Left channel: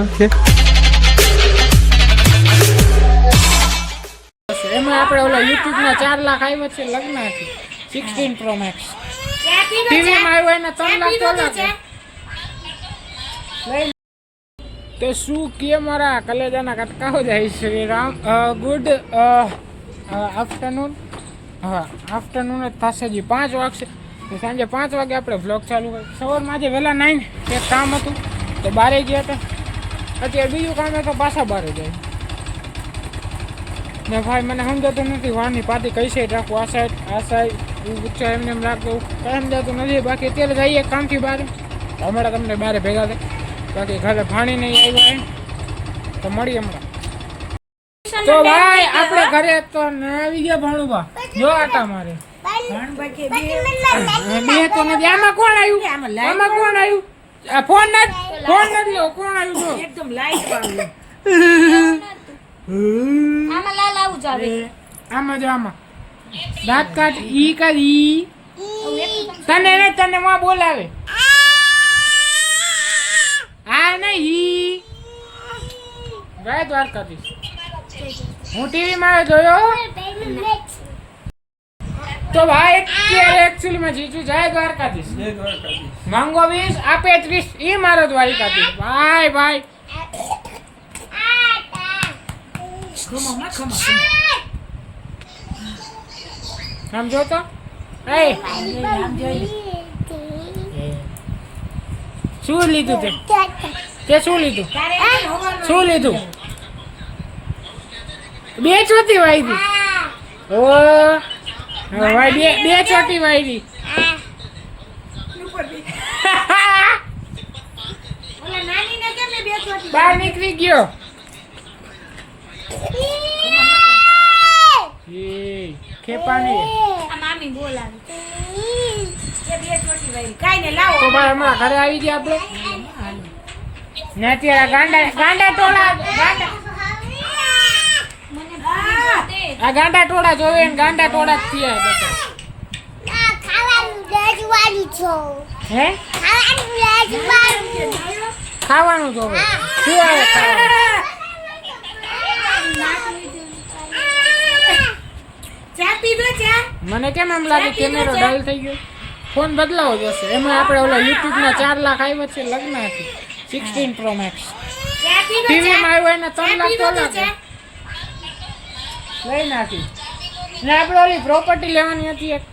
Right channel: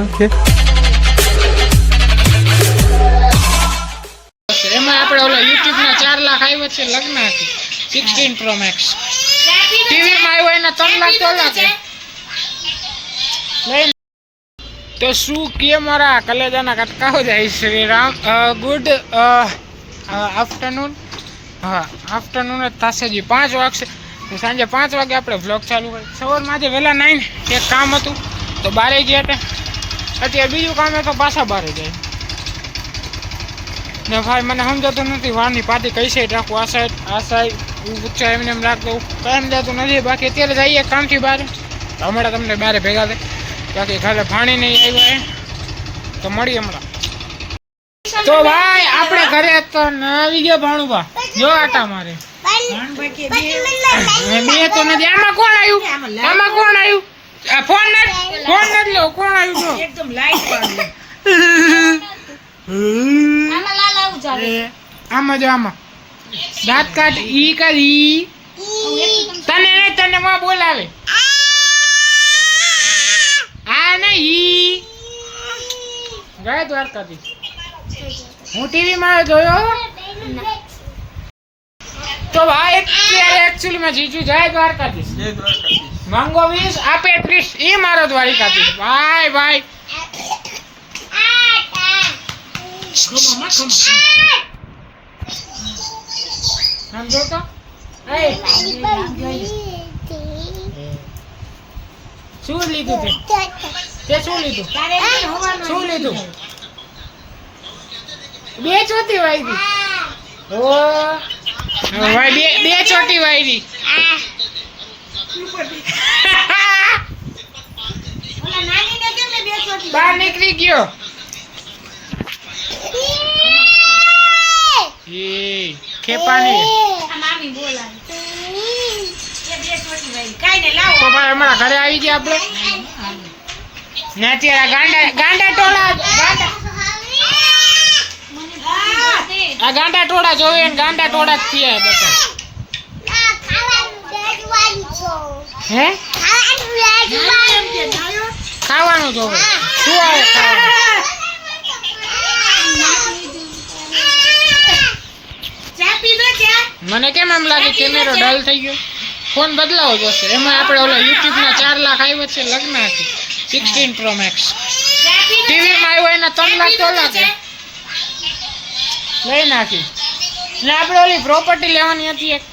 Okay એમાં આપણે ઓલા YouTube ના 4 લાખ આવ્યો છે લગ્ન હતી 16 પ્રો મેક્સ ટીવી માં આવ્યો એના 3 લાખ તો લાગે લઈ તો શું કે મારા કલેજાના કટકાઓ જાય શ્રી રામ ગુડ આફ્ટરનૂન હા આફ્ટરનૂન જ થશે જી 5 વાગશે સાંજે 5 વાગે આપણે વ્લોગ ચાલુ હોય સવારમાં આજે વહેલા 9 એક કામ હતું તો બારે ગયા હતા અત્યારે બીજું કામ તો પાછા બારે જાય ને ભાઈ મને સમજાતું નથી વારની પાતી કઈ સાઈડ રાખવું આ સાઈડ ઊંચા એમને એમ રાખતો કંઈ સમજાતું નથી બાકી અત્યારે જઈએ કામથી બહાર હમણાં તમને બહાર ભેગા થાય બાકી ઘરે પાણી નહીં આવ્યા તો મળી હમણાં તો ભાઈ આપણે ઘરે તો આવી ગયો ભાણુભા જો આટા મારે બે તો નથી આમાં કોણ આવ્યું આ ફોન નથી લો કોણ આવ્યું જો એકદમ લાઈટ આમાં જો આમાં દાંત કાઢ ઈ કરી તને માં બોલાવે આ નહીં ગયા દ્વારકાથી હું ટીવી માં જોયો તો ભાઈ અત્યારે એકચ્યુઅલી માં જીજુ જય દ્વારકાધીશ માંગો 20 આપે 30 ઈ મારો દ્વારકાધીશ ભાઈ સમજો તો શું લીધું તે શું લીધું બે ચોટી વાયરી ઓ ભાઈ બે ચોટી વાયરી બહાર નીકળી ગયો ખેપાની તો ભાઈ હમણાં ઘરે આવી ગયા આપણે ને અત્યારે ગાંડા ટોળા આ ગાંડા ટોળા જોવે ને ગાંડા ટોળા જ થયા બધા હે ખાવાનું જોવે શું આવે ખાવાનું મને કેમ એમ લાગે કેમેરો ડલ થઈ ગયો ફોન બદલાવો જોશે એમાં આપણે ઓલા યુટ્યુબ ના 4 લાખ આવ્યો છે લગ્ન હતી 16 પ્રો મેક્સ ટીવી માં આવ્યો એના 3 લાખ તો લાગે લઈ નાખી ને આપણે ઓલી પ્રોપર્ટી લેવાની હતી એક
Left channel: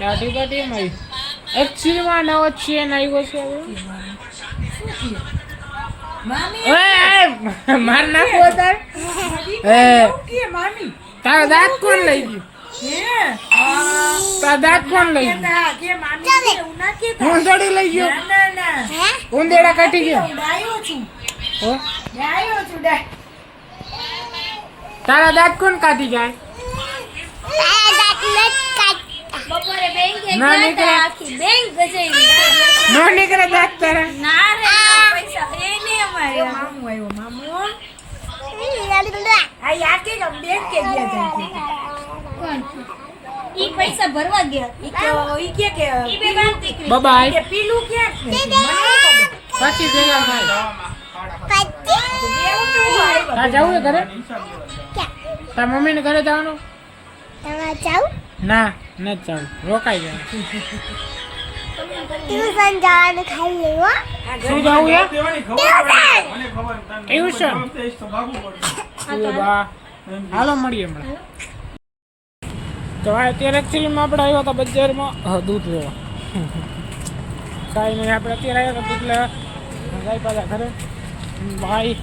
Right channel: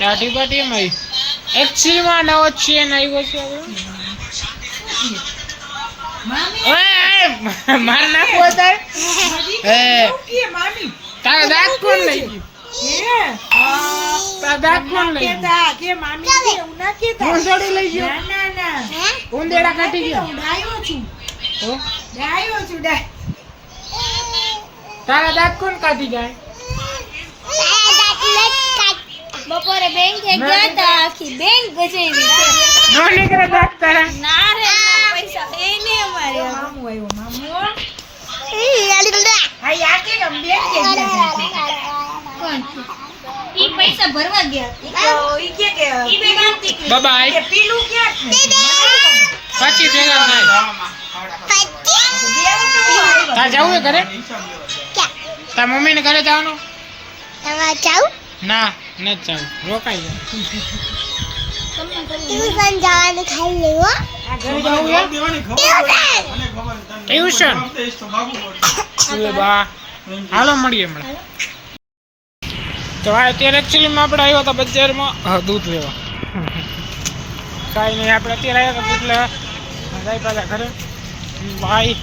દાઢી બાટી માં એકચ્યુઅલી માં નવો છે ને આવ્યો છે માર નાખો તારો દાંત કોણ લઈ ગયું લઈ ગયો ઉંદેડા કાઢી ગયો તારા દાંત કોણ કાઢી જાય બપોરે બેંક ગયા તા આખી બેંક ગજાઈ નો નીકળે દાંત તારા ના રે પૈસા એ નહીં અમારે મામુ આવ્યો મામુ આ યાકે બેંક કે ગયા ઈ પૈસા ભરવા ગયા ઈ કે ઈ બેંક બાય કે પીલું ક્યાં પછી ભેગા થાય તા જાવું ઘરે તા મમ્મી ને ઘરે જવાનું તમારે જાવ ના ન જાવ રોકાઈ જાય ટ્યુશન જવાનું ખાઈ લેવો શું જાવું યાર ટ્યુશન બા હાલો મળીએ હમણાં તો અત્યારે એકચ્યુઅલીમાં આપણે આવ્યા હતા બજારમાં દૂધ લેવા કાંઈ નહીં આપણે અત્યારે આવ્યા હતા દૂધ લેવા જાય પાછા ઘરે ભાઈ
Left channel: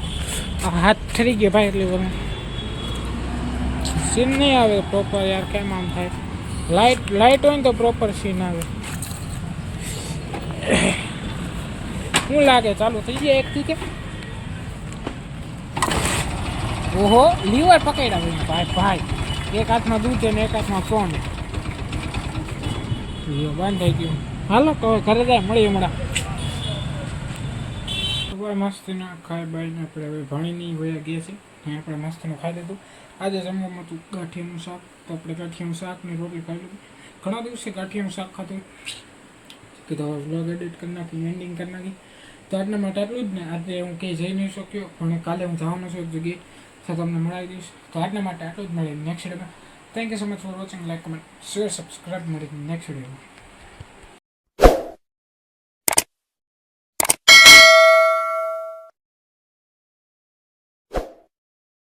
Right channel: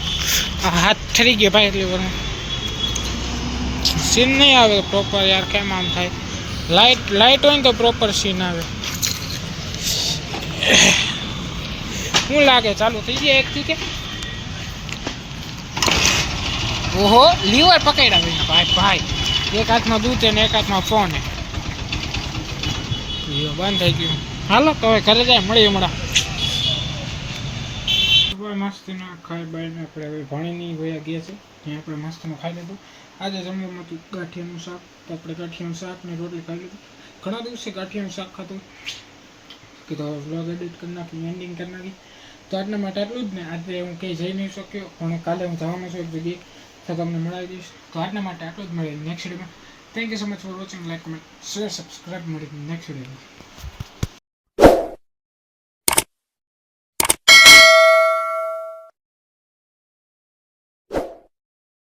હાથ ઠરી ગયો ભાઈ એટલી બધું સીન નહીં આવે પ્રોપર યાર કેમ આમ થાય લાઇટ હોય ને તો પ્રોપર સીન આવે શું લાગે ચાલુ થઈ જાય એકથી કે ઓહો લીવર પકડ્યા ભાઈ એક હાથમાં દૂધ ને એક હાથમાં ફોન બંધ થઈ ગયું હાલો તો હવે ઘરે જાય મળી હમણાં સવાર મસ્તીના ખાઈ બાઈને આપણે હવે ભણીની વયા ગયા છે ત્યાં આપણે મસ્તીનું ખાઈ લીધું. આજે જમવામાં હતું ગાંઠિયાનું શાક, તો આપણે ગાંઠિયાનું શાક ને રોટલી ખાઈ લીધું. ઘણા દિવસે ગાંઠિયાનું શાક ખાતું કીધું હવે વ્લોગ એડિટ કરી નાખી, એન્ડિંગ કરી નાખી. તો આજના માટે આટલું જ ને. આજે હું કંઈ જઈ નહીં શક્યો, પણ કાલે હું જવાનો છું એક જગ્યાએ, તો તમને મળાવી દઈશ. તો આજના માટે આટલું જ. મળે નેક્સ્ટ વિડીયોમાં. Thank you so much for watching. Like, comment, share, subscribe. મળી નેક્સ્ટ વિડીયોમાં.